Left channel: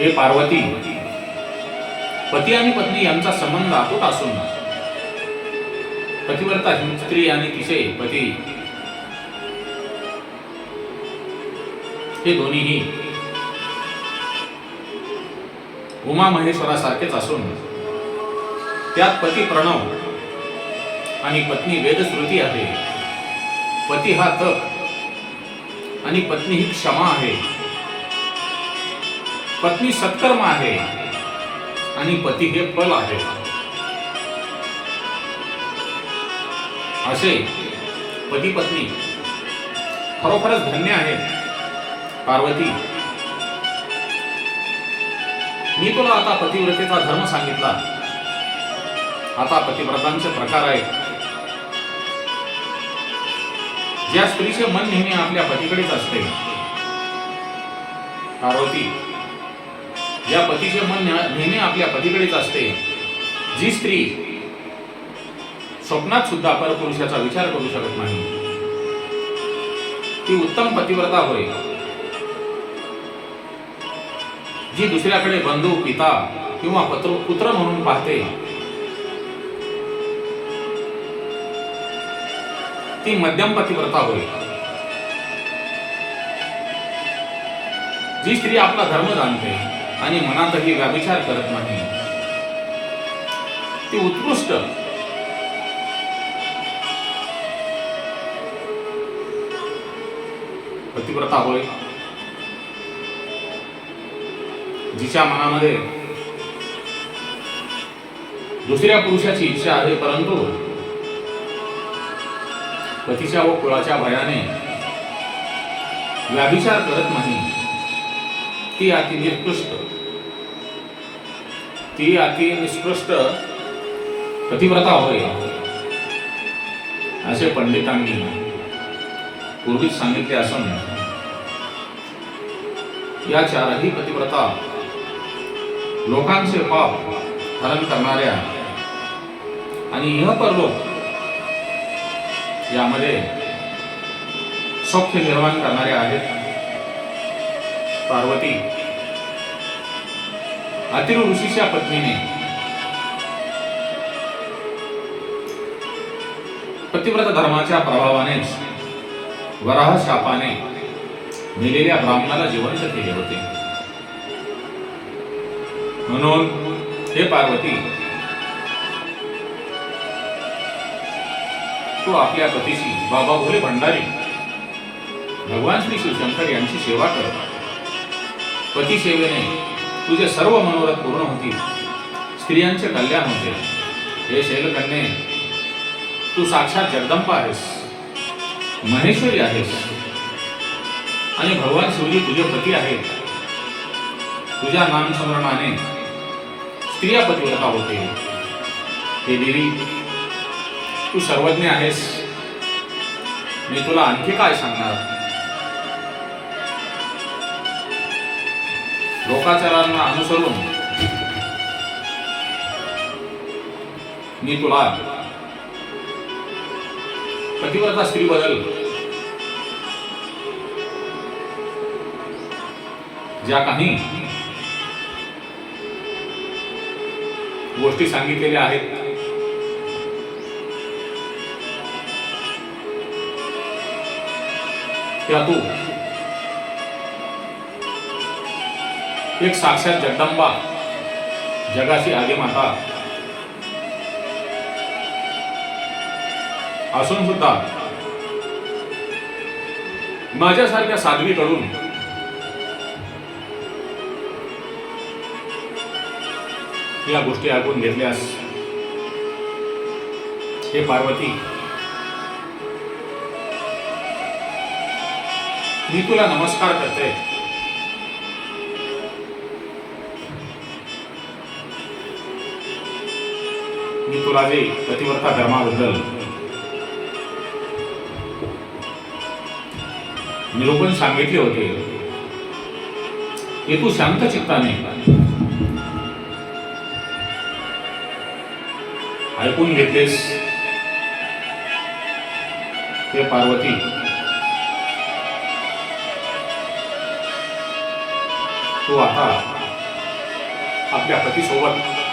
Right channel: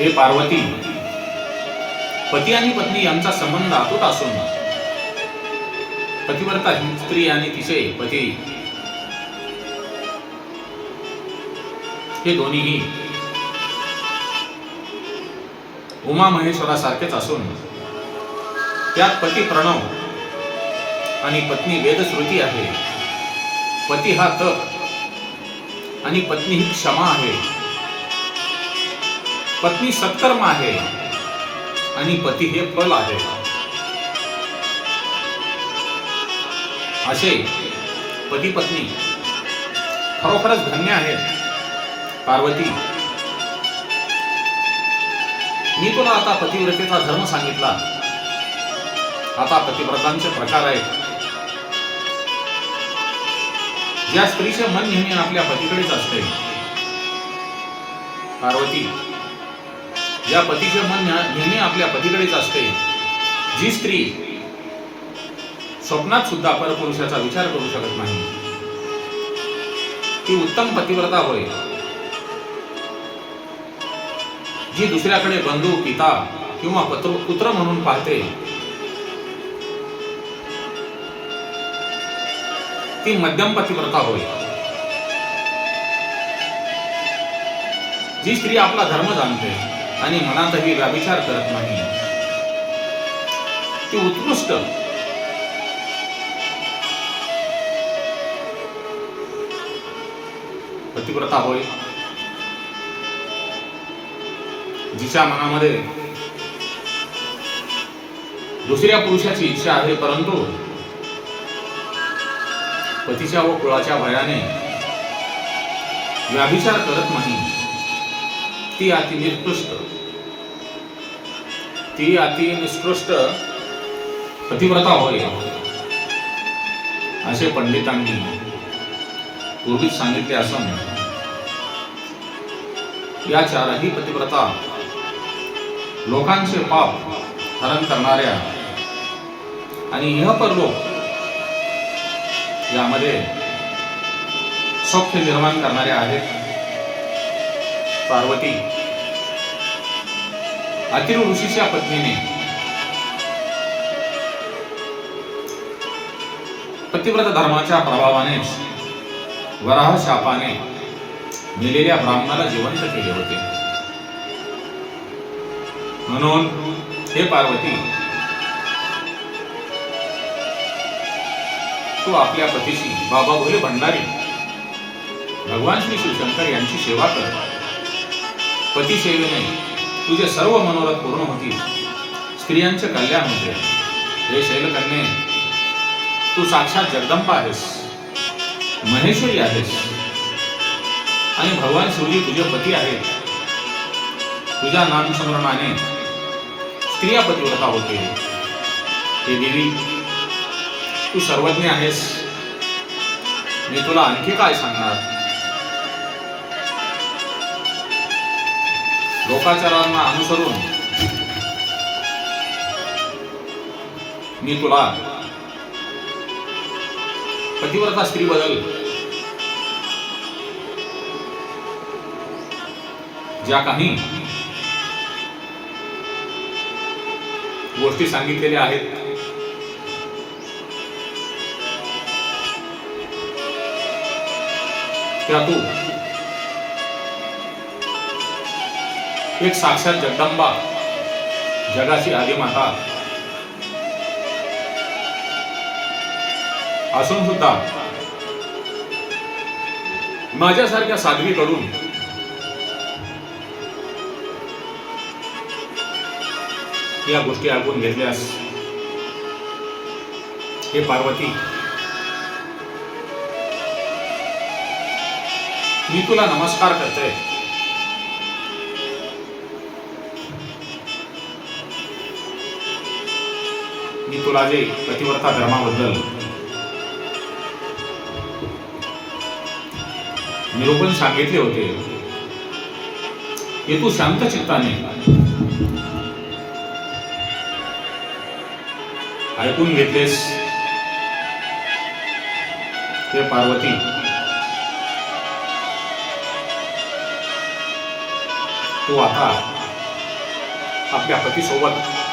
हे पार्वती पती आणि पत्नी यांचा संबंध अतूट असून पतिव्रता ही स्त्री आणि तिचे पती. हे दोन्हीही उमा महेश्वरासारखेच असून त्यात पती प्रणव आणि पत्नी वेदश्रुती आहे. पती हा तप आणि पत्नी ही क्षमा आहे. पत्नी सत्कर्म आहे. आणि पती हे फल आहे. असे पती पत्नी खरोखरच धन्य आहेत. पार्वती मी तुला आता पतिव्रतेचा धर्म सांगितला. आता पतिव्रतांचे प्रकार आहेत. ज्या स्त्रीचे मन नेहमी आपल्या पतीकडेच असते. पार्वती ज्या पतीचे मन नेहमी आपल्या पतीकडेच असते. जी स्त्री स्वप्नात सुद्धा परपुरुषाचा विचार करू शकत नाही ती उत्तम पतिव्रता होय. जी दुसऱ्याकडे बंधू पिता किंवा पत्र पुत्र म्हणून पाहते ती मध्यम पतिव्रता होय. जी स्त्री आपला धर्म जाणते आणि मनातही व्याभिचार करत नाही. ती उत्कृष्ट. पतिव्रता होय. जिच्या मनामध्ये दुसऱ्या पुरुषाची इच्छा आहे परंतु पतीच्या व कुळाच्या भयाने व्याभिचार करत नाही. ती अति निकृष्ट. ती अति निष्कृष्ट पतिव्रता होय. असे पंडितांनी पूर्वीच सांगितले असून या चारही पतिव्रता लोकांचे पाप हरण करणाऱ्या आणि ह परलोक यामध्ये सौख्य निर्माण करणाऱ्या आहेत. पार्वती अतिरु ऋषीच्या पत्नीने. पतिव्रत धर्माच्या प्रभावाने वराह शापाने मेलेल्या ब्राह्मणाला जिवंत केले होते. म्हणून हे पार्वती तू आपल्या पतीशी बाबा भोले भंडारी. भगवान श्री शिवशंकर यांची सेवा करतात. पती सेवेने तुझे सर्व मनोरथ पूर्ण होतील. स्त्रियांचे कल्याण होते हे शैलकन्ये तू साक्षात जगदंबा आहेस. महेश्वरी आहेस. आणि भगवान शिवजी तुझे पती आहेत. तुझ्या नामस्मरणाने स्त्रिया पतिव्रता होते. हे देवी तू सर्वज्ञ आहेस. मी तुला आणखी काय सांगणार? लोकाचारांना अनुसरून मी तुला पतिव्रता स्त्री बदल ज्या काही गोष्टी सांगितलेल्या आहेत त्या तू एक साक्षात जगदंबा जगाची आदिमाता असून सुद्धा माझ्यासारख्या साध्वीकडून या गोष्टी ऐकून घेतल्यास हे पार्वती मी तुला नमस्कार करते. मी तुला जे पतिव्रता धर्माबद्दल निरूपण सांगितले होते. हे तू शांत चित्ताने ऐकून घेतलेस ते पार्वती. तू आता आपल्या पतीसोबत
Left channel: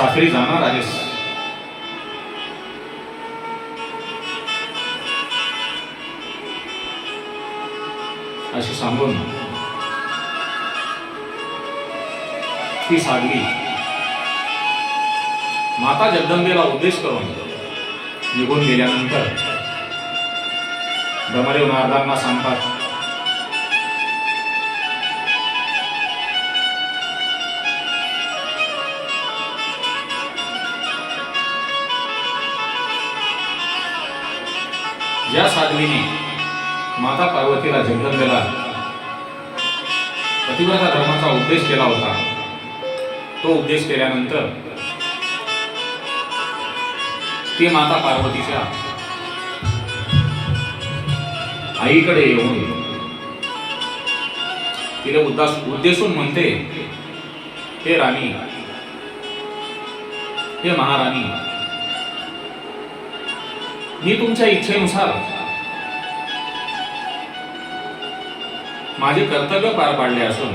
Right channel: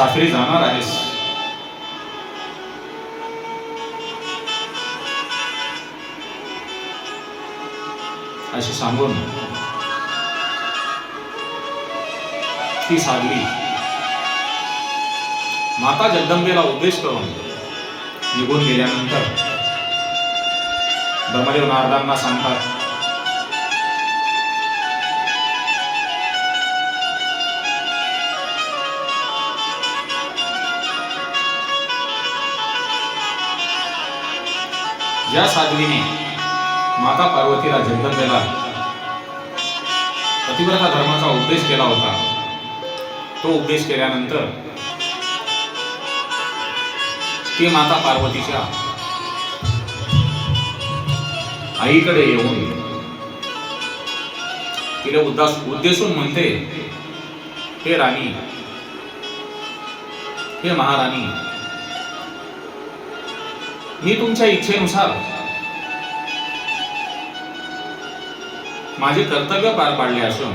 साखरी जाणार आहेस. असे सांगून ती साधली माता जगदंबेला उद्देश करून निघून गेल्यानंतर दमदेव नारदांना सांगतात ज्या साध्वीने माता पार्वतीला जन्मलेला पतिव्रता धर्माचा उपदेश केला होता. तो उपदेश केल्यानंतर ती माता पार्वतीच्या आईकडे येऊन तिला उद्दास उद्देशून म्हणते हे राणी हे महाराणी ही तुमच्या इच्छेनुसार. माझे कर्तव्य पार पाडले असून.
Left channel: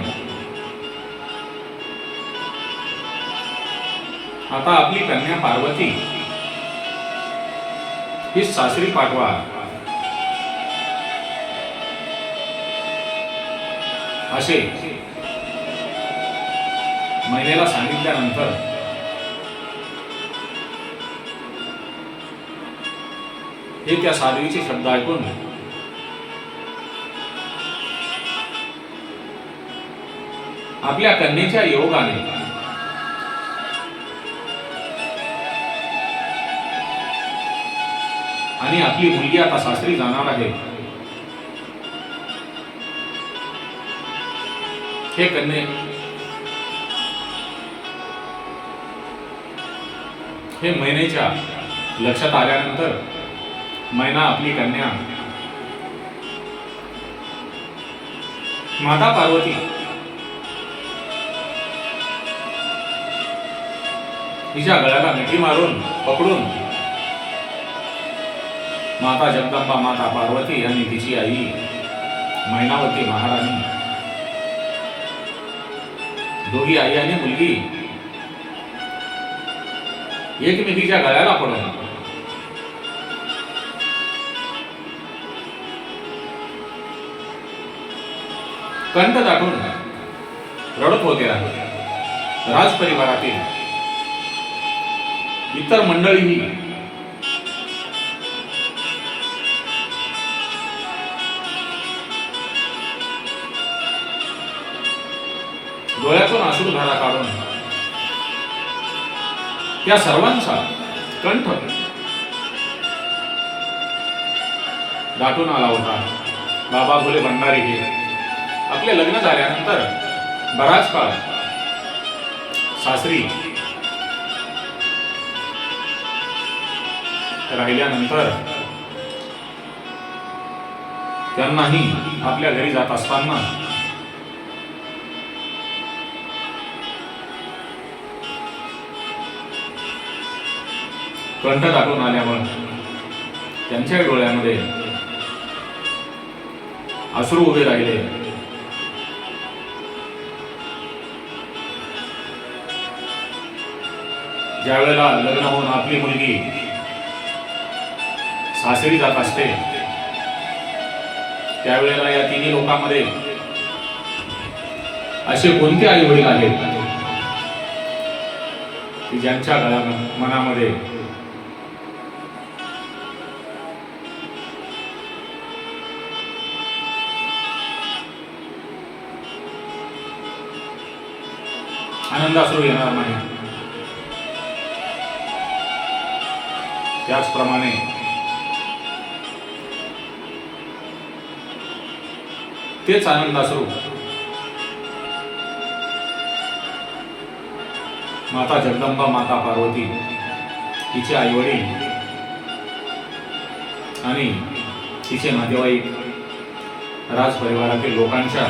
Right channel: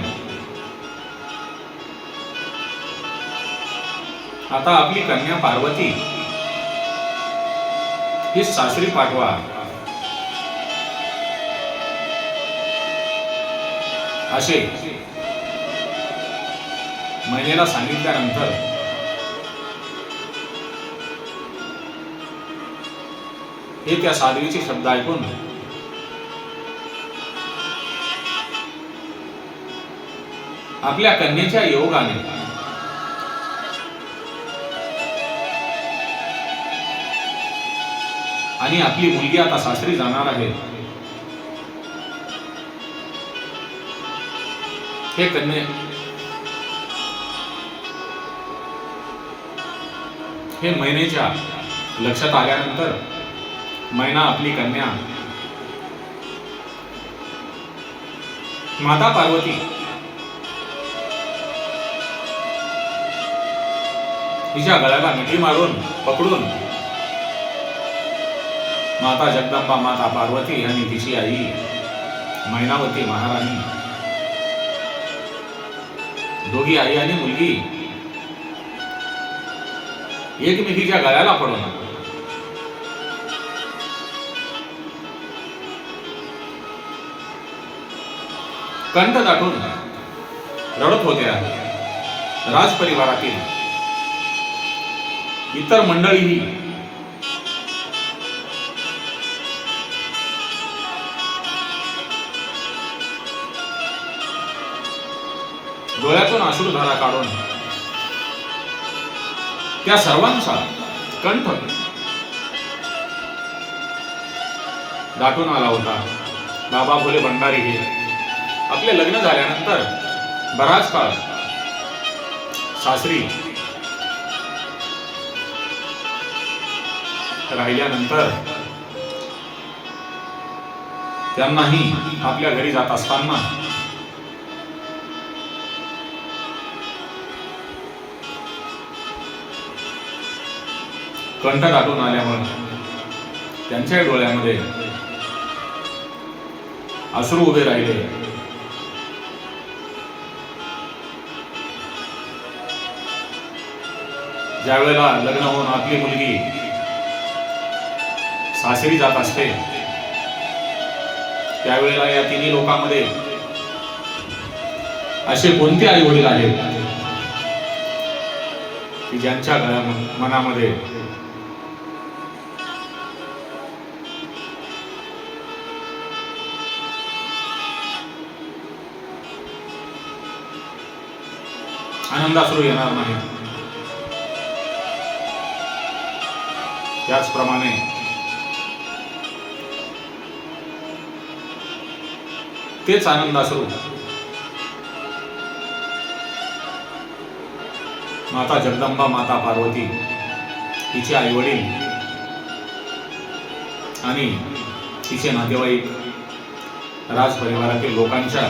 आता आपली कन्या पार्वती. ही सासरी पाठवा. असे. महिलेला सांगितल्यानंतर हे त्या साध्वीचे शब्द ऐकून आपल्या कन्येच्या योगाने. आणि आपली मुलगी आता सासरी जाणार आहे. हे कन्ये. हे महिनेच्या लक्षात आल्यानंतर मैना आपली कन्या माता पार्वती. तिच्या गळ्याला मिठी मारून पकडून. माता जगदंबा माता पार्वती आणि तिची आई मैनावती महाराणी. दोघी आई आणि मुलगी. एकमेकीच्या गळ्याला पडून कंठ दाटून रडत होते राजपरिवारातील इतर मंडळीही डोळ्यातून अश्रुधारा काढून त्या सर्वांचा कंठ दाटून आला होता. बाबा भोले भंडारी हे. आपले लग्न झाल्यानंतर बराच काळ सासरी राहिल्यानंतर त्यांनाही आपल्या घरी जात असताना कंठ लागून आल्यावर त्यांच्या डोळ्यामध्ये अश्रू उभे राहिले. ज्यावेळेला लग्न होऊन आपली मुलगी सासरी जात असते त्यावेळेला या तिन्ही लोकांमध्ये असे कोणते आई वडील आहेत की ज्यांच्या गळ्या मनामध्ये आनंदाश्रू येणार नाही त्याचप्रमाणे तेच आनंदाश्रू माता जगदंबा माता पार्वती तिचे आईवडील आणि तिचे नातेवाईक राजपरिवारातील लोकांच्या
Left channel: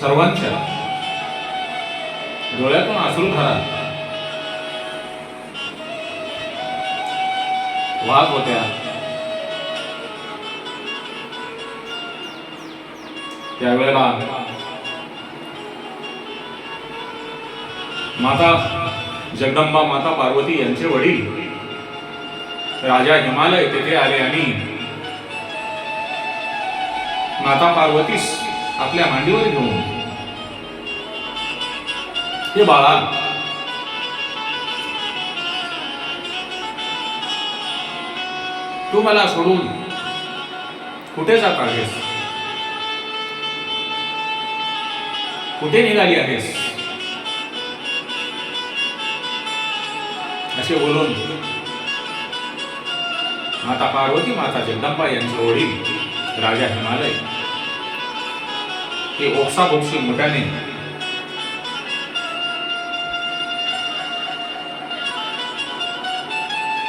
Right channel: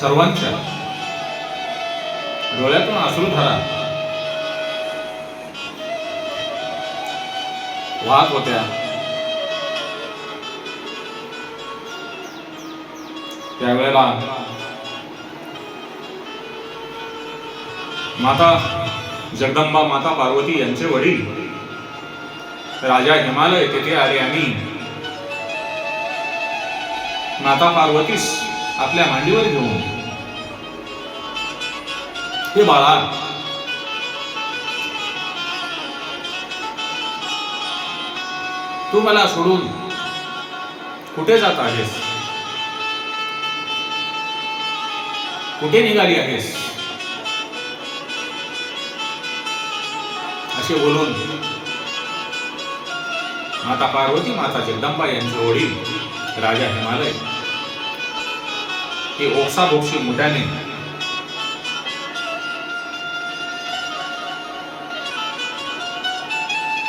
सर्वांच्या डोळ्यातून अश्रुधारा वाहत होत्या त्यावेळेला माता जगदंबा माता पार्वती यांचे वडील राजा हिमालय तेथे आले आणि माता पार्वतीस आपल्या मांडीवर घेऊन हे बाळा. तू मला सोडून कुठे जात आहेस? कुठे निघाली आहेस? असे बोलून माता पार्वती माता जगदंबा यांचे वडील राजा हिमालय हे ओक्सा मोठ्याने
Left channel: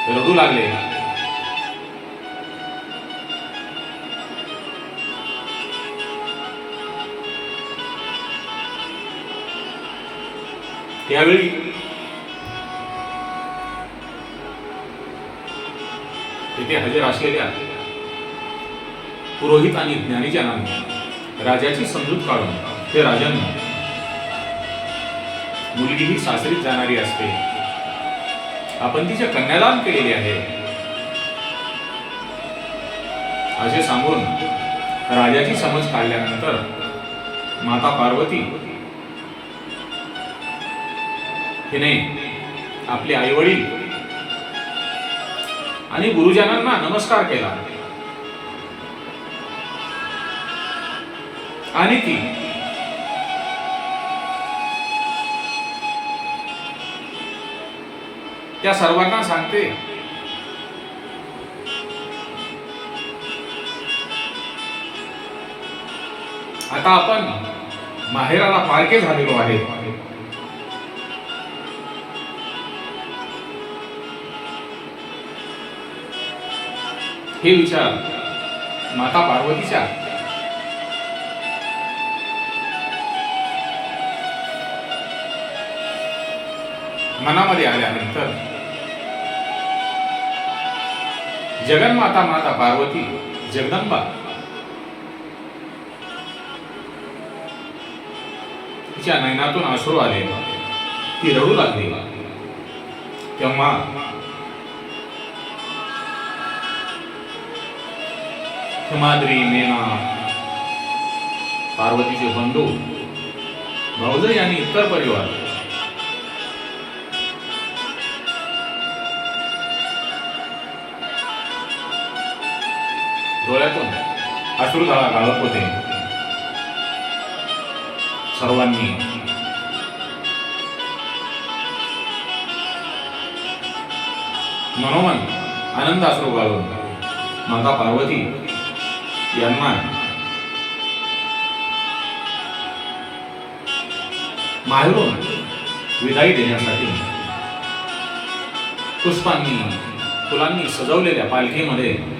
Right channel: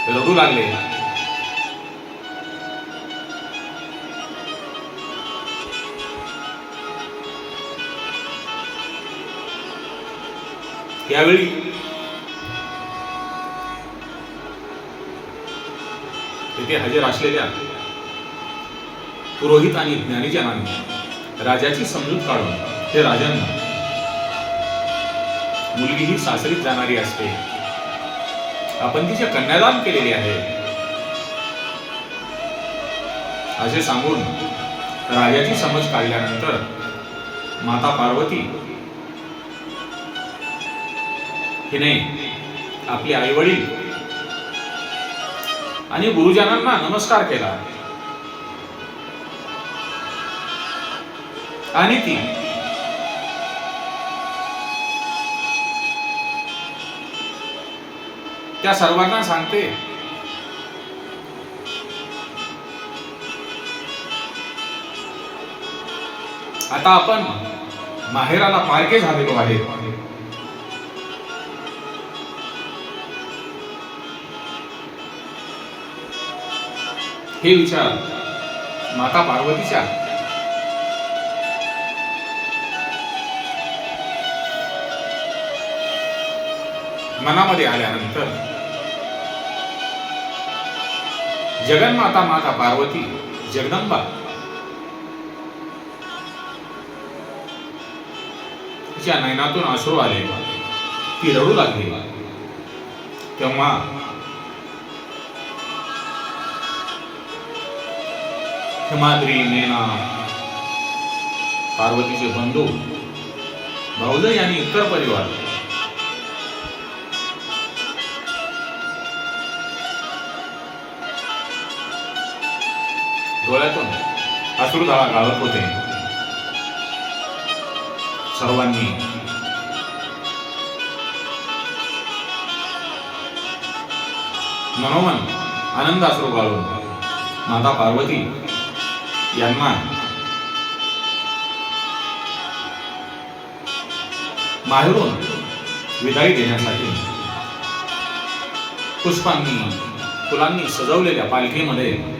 रडू लागले. त्यावेळी तेथे हजर असलेल्या पुरोहित आणि ज्ञानीजनांनी राजाची समजूत काढून हे राजांना मुलगी ही सासरीत जाणारी असते. आपण तिचे कन्यादान केलेले आहे. असे सांगून राजाची समज काढल्यानंतर माता पार्वती हिने आपले आई वडील आणि गुरुजनांना नमस्कार केला. आणि ती त्या सर्वांना सांगते. आता आपण माहेराला पारखे झालेलो आहे. हे विचार माता पार्वतीच्या. मनामध्ये आल्यानंतर जगन्माता माता पार्वती जगदंबा। तिच्या नयनातून आश्रू आले. ती रडू लागली. तेव्हा हिमाद्री मेना पार्वतीचे बंधू भाऊजई आणि इतर परिवार डोळ्यातून अश्रुधाळा गाळत होते. सर्वांनी मनोमन आनंद अश्रू गाळून माता पार्वती यांना माहेरून विदाई देण्यासाठी पुष्पांनी फुलांनी सजवलेल्या पालखीमध्ये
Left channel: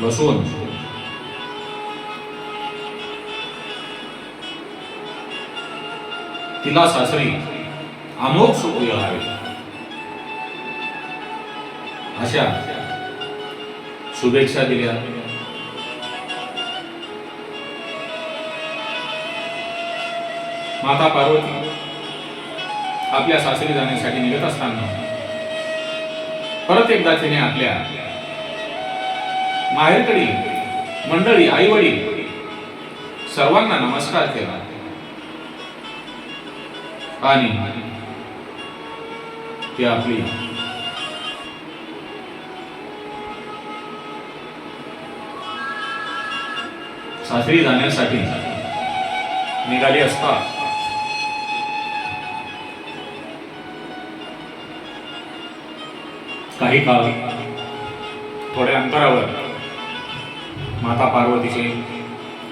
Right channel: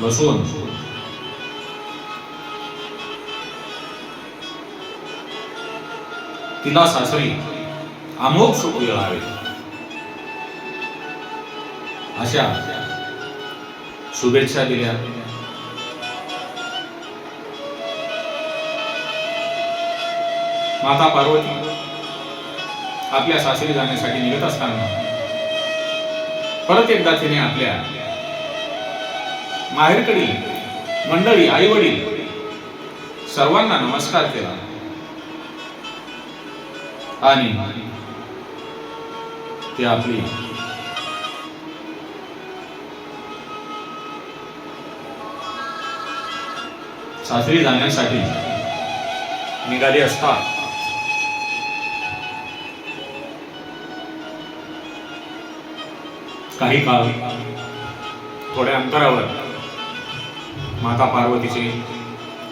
बसवून तिला सासरी अमोघ सुख मिळावे अशा शुभेच्छा दिल्या. माता पार्वती आपल्या सासरी जाण्यासाठी निघत असताना परत एकदा तिने आपल्या माहेरकडील मंडळी आई वडील सर्वांना नमस्कार केला. आणि ते आपली सासरी जाण्यासाठी निघाली असता काही काळ थोड्या अंतरावर माता पार्वतीचे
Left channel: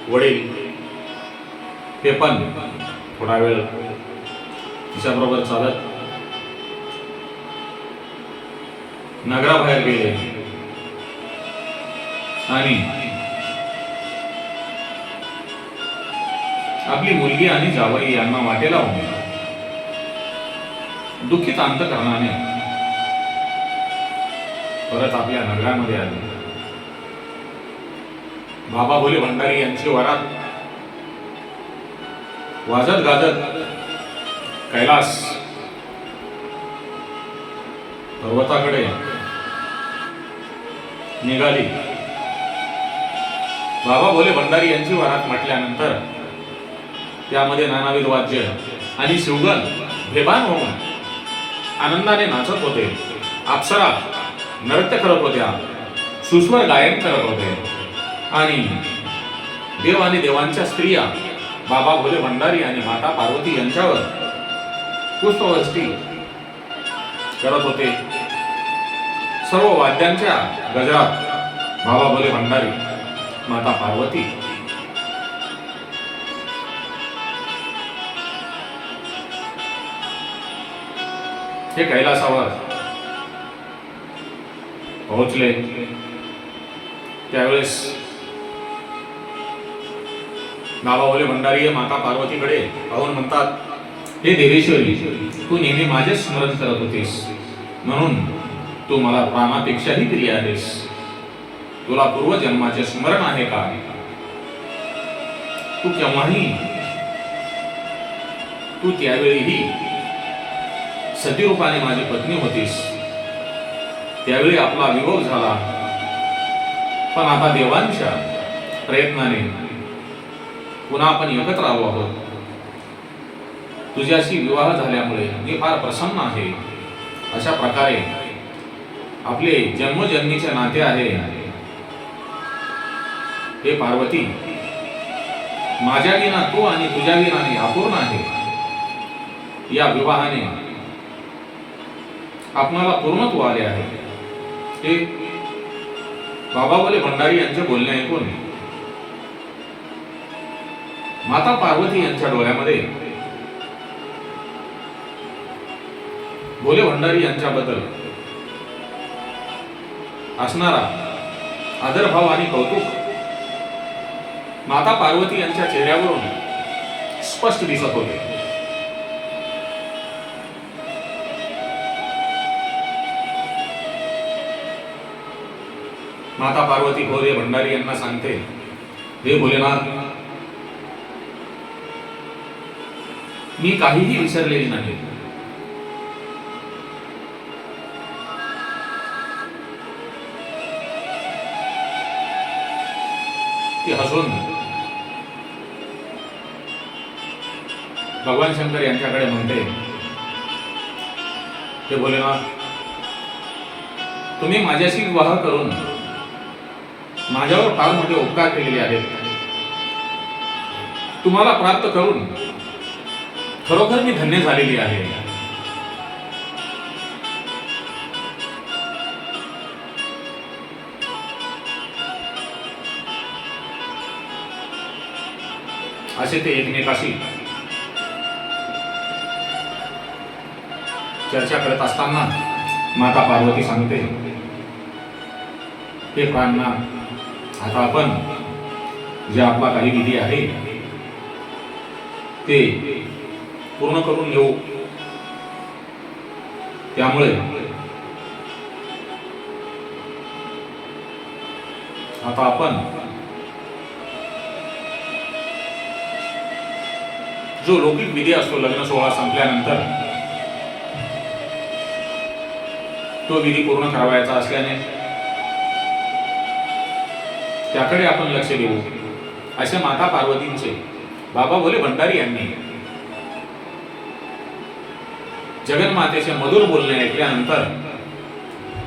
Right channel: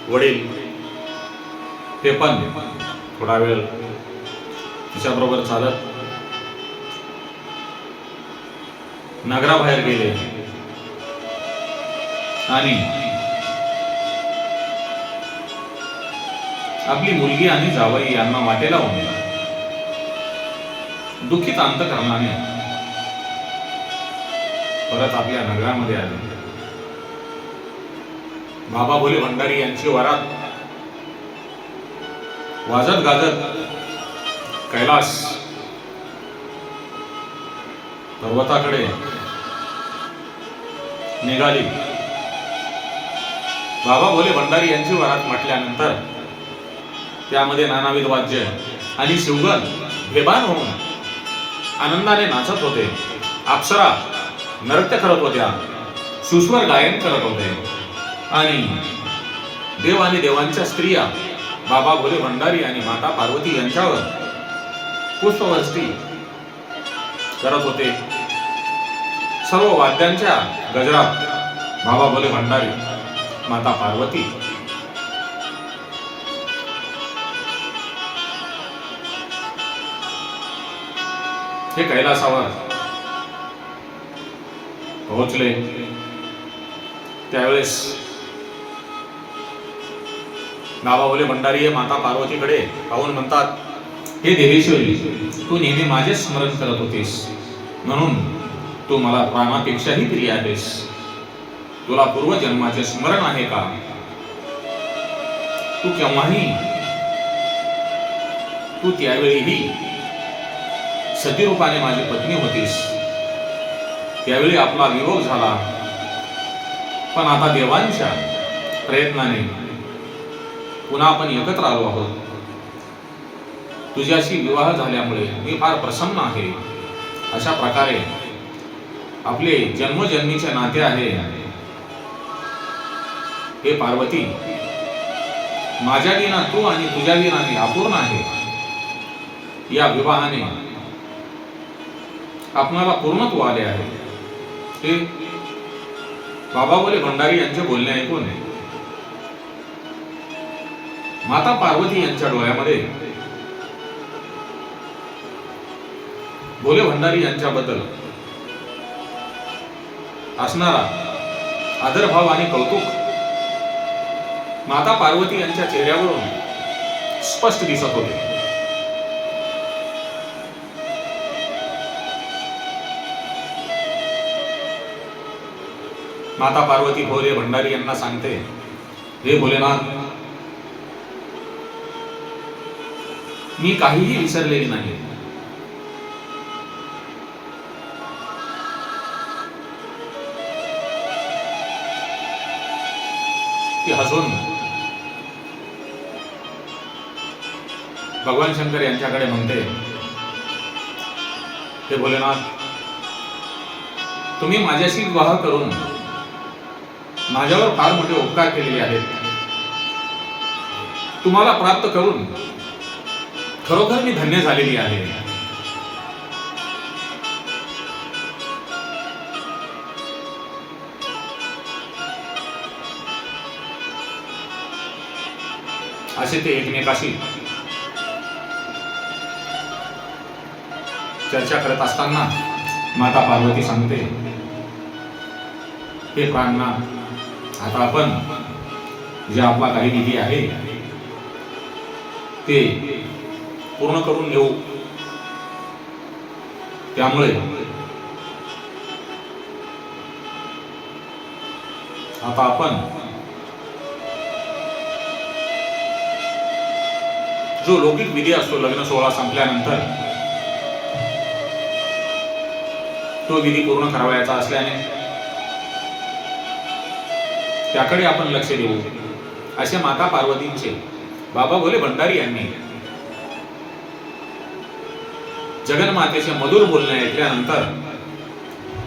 वडील. ते पण थोडा वेळ तिच्याबरोबर चालत नगराबाहेर गेले. आणि आपली मुलगी आणि जावई यांना वाटेला होऊन दुःखित अंतकरणाने परत आपल्या नगरामध्ये आले. बाबा भोले भंडारी यांची वरात. वाजत गाजत कैलास पर्वताकडे निघाली. बाबा भोले भंडारी यांची वरात म्हटल्यानंतर त्यामध्ये नानाविध वाद्य आणि शिवगण भेबान होऊन आनंदाने नाचत होते. अप्सरा नृत्य करत होत्या. सुस्वर गायन करत होते. आणि देव आणि देवांच्या स्त्रिया बाबा भोले भंडारी आणि माता पार्वती यांच्यावर पुष्पवृष्टी करत होते. सर्व वाद्यांच्या गजरात बाबा भोले भंडारी माता पार्वती हे कैलासावर पोहोचले. त्यावेळेस नावावले भंडारी माता पार्वतीकडे पाहून म्हणतात हे देवेश्वरी तू नेहमी माझेच स्मरण करत होतीस. म्हणून तू मला प्राणापेक्षाही प्रिय आहेस. तुला पूर्वजन्माचे स्मरण आहे का? तू केव्हाही तू त्यावेळीही सतीरूपाने माझी पत्नी होतीस. त्यावेळी आपला विरोध झाला. पण आता देवांच्या प्रयत्नाने पुन्हा आपण एकत्र आलो आहोत. तुझ्याशी विवाह झाल्यामुळे मी फार प्रसन्न आहे. अशा प्रकारे आपले जन्मजन्मीचे नाते आहे. हे पार्वती माझ्या विना तू आणि तुझ्या विनाने अपूर्ण आहे. या विवाहाने आपणाला पूर्णत्व आले आहे. ते बाबा बोले भंडारी यांचे बोलणे ऐकून माता पार्वती यांच्या डोळ्यामध्ये. भोले भंडारी यांच्याबद्दल. असणारा आदरभाव आणि कौतुक माता पार्वती यांच्या चेहऱ्यावरून स्पष्ट दिसत होते. माता पार्वती भोले भंडारी यांना सांगते हे भोलेनाथ मी काहीही विसरलेली नाही. ती हसून भगवान शंकर यांच्याकडे म्हणते ते भोलेनाथ तुम्ही माझ्याशी विवाह करून माझ्यावर फार मोठे उपकार केलेले आहेत. तुम्हाला प्राप्त करून खरोखर मी धन्य झालेली आहे. असे ते एकमेकाशी चर्चा करत असताना माता पार्वती सांगते हे प्राणना आता आपण जे आपला काही विधी आहे ते पूर्ण करून घेऊ त्यामुळे आता आपण जो लौकिक विधी असतो लग्न सोहळा संपल्यानंतर तो विधी पूर्ण करावायचा असल्याने त्याकडे आपण लक्ष देऊ. असे माता पार्वतींचे बाबा भोले भंडारी यांनी जगन्मातेचे मधुर बोलणे ऐकल्यानंतर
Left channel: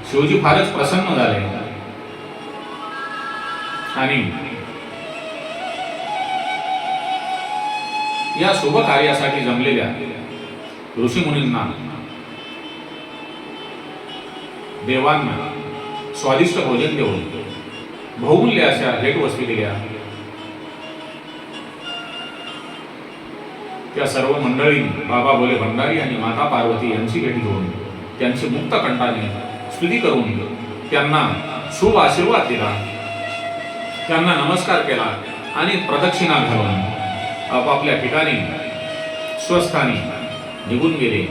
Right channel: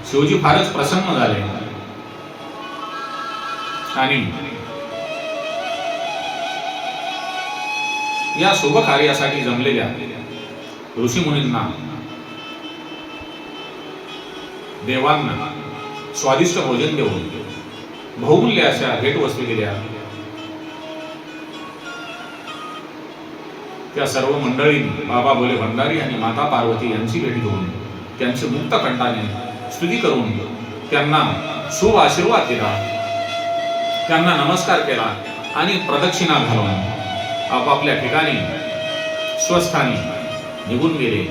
शिवजी फारच प्रसन्न झाले. आणि या शुभ कार्यासाठी जमलेल्या ऋषीमुनींना देवांना स्वादिष्ट भोजन देऊन बहुमूल्य अशा भेटवस्तू दिल्या. त्या सर्व मंडळींनी बाबा बोले भंडारी आणि माता पार्वती यांची भेट घेऊन त्यांचे मुक्त कंठाने स्तुती करून त्यांना शुभ आशीर्वाद दिला. त्यांना नमस्कार केला आणि प्रदक्षिणा घालून आपापल्या ठिकाणी स्वस्थानी निघून गेले.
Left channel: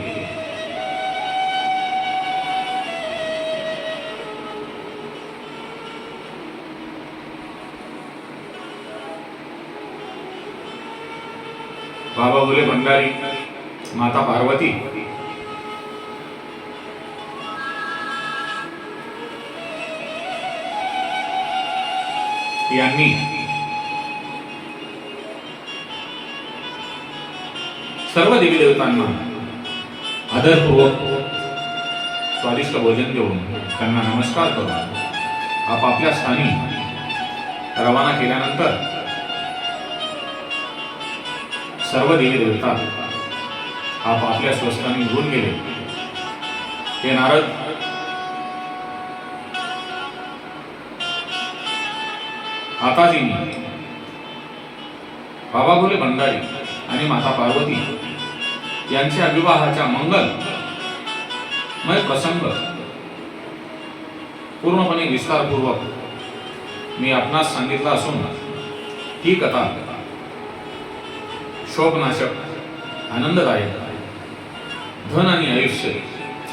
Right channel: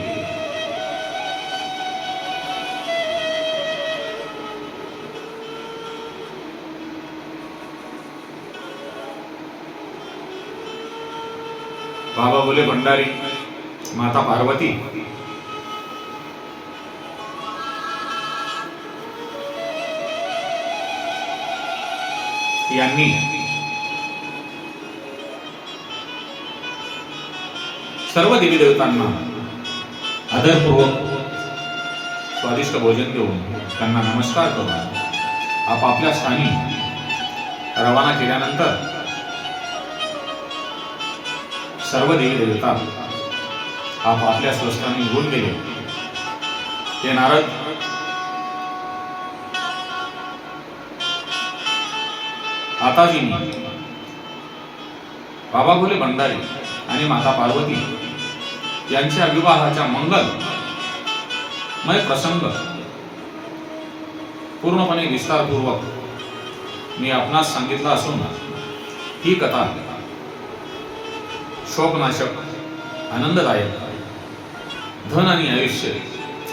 बाबा बोले भंडारी माता पार्वती. यांनी सर्व देवी देवतांना आदरपूर्वक स्वादिष्ट भोजन देऊन त्यांना नमस्कार करून आपापल्या स्थानी रवाना केल्यानंतर सर्व देवी देवता आपापल्या स्वस्थाने निघून गेले. ते नारद आता बाबा भोले भंडारी आणि माता पार्वती यांच्या विवाहाच्या मंगल मय प्रसंग पूर्णपणे विस्तारपूर्वक मी आपणास सांगितला असून ही कथा शोकनाशक आनंददायक धन आणि आयुष्य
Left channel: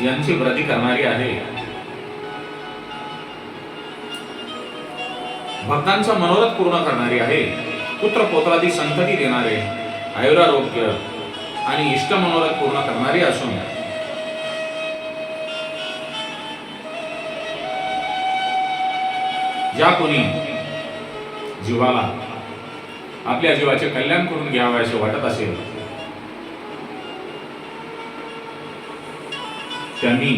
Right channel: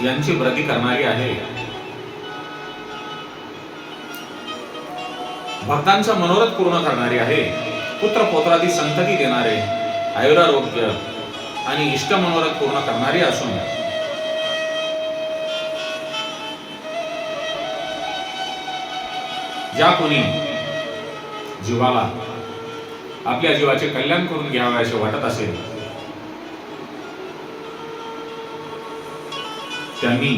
यांची वृद्धी करणारी आहे. भक्तांचा मनोरथ पूर्ण करणारी आहे. पुत्र पोत्रादी संतती देणारे आयुरारोग्य आणि इष्ट मनोरथ पूर्ण करणारी असून ज्या कोणी जीवाला आपल्या जीवाचे कल्याण करून घ्यावे असे वाटत असेल. त्यांनी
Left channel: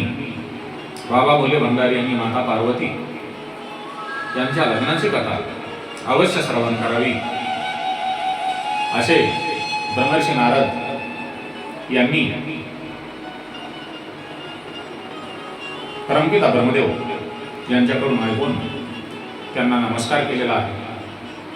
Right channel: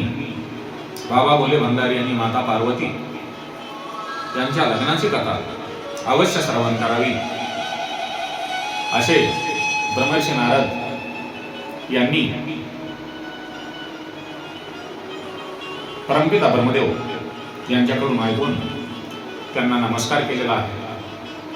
बाबा बोले भंडारी आणि माता पार्वती यांच्या लग्नाची कथा अवश्य श्रवण करावी. असे ब्रह्मर्षी नारद यांनी परमपिता ब्रह्मदेव यांच्याकडून ऐकून त्यांना नमस्कार केलेला आहे.